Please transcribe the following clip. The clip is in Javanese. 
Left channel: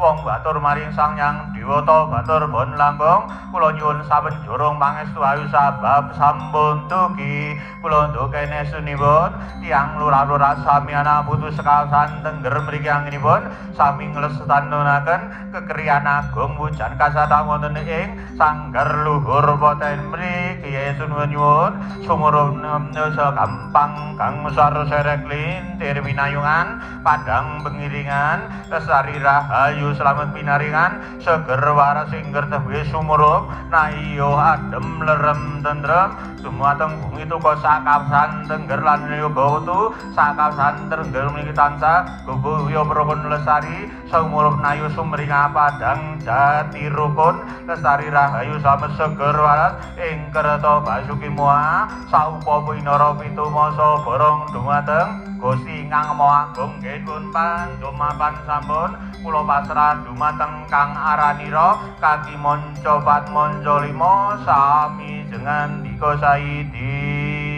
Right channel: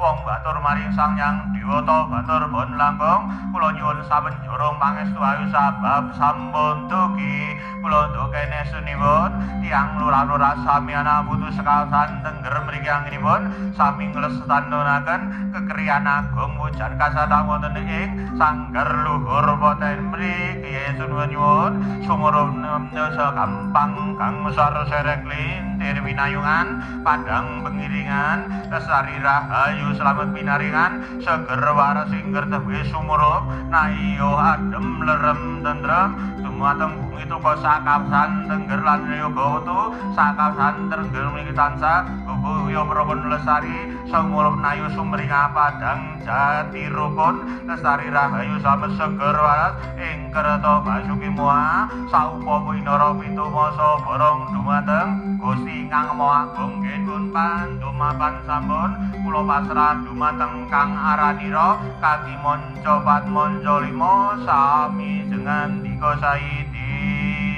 wong batur maring Sang Hyang Dewata batur bon langkung kula nyuwun saben jorong pangestu ayu sabab sampun dugi kula ndokene sunipun tiyang lurah-lurah samiana putu sekawasan tengger mriki anggenipun sami nglestanonaken kekerian agung wujan kasada wonten ing sanggar luhur poten mriki Yesus nyuwun sumurup gampang kang sar serek lintir winayungan padang pengiringan lesari rahayu selamat pinaringan seger waras singger tewe sumurup nayo adem lerem tentrem dumateng bumi tuko sakapsan tengger lan yoga wetu sakapsan tengger mriki tansah gugu yo prabon lesari sumurup nayo sumringa padang jati rukun lestari rahayu sama seger waras ing kereta basuki mua saupa winara pitumasa borong dumateng Gusti Kang Maha Agung nggih pandumapan sampun kula pasrah dumateng Kang Aranira kaki monco pat monco limo sami jengan dika saidi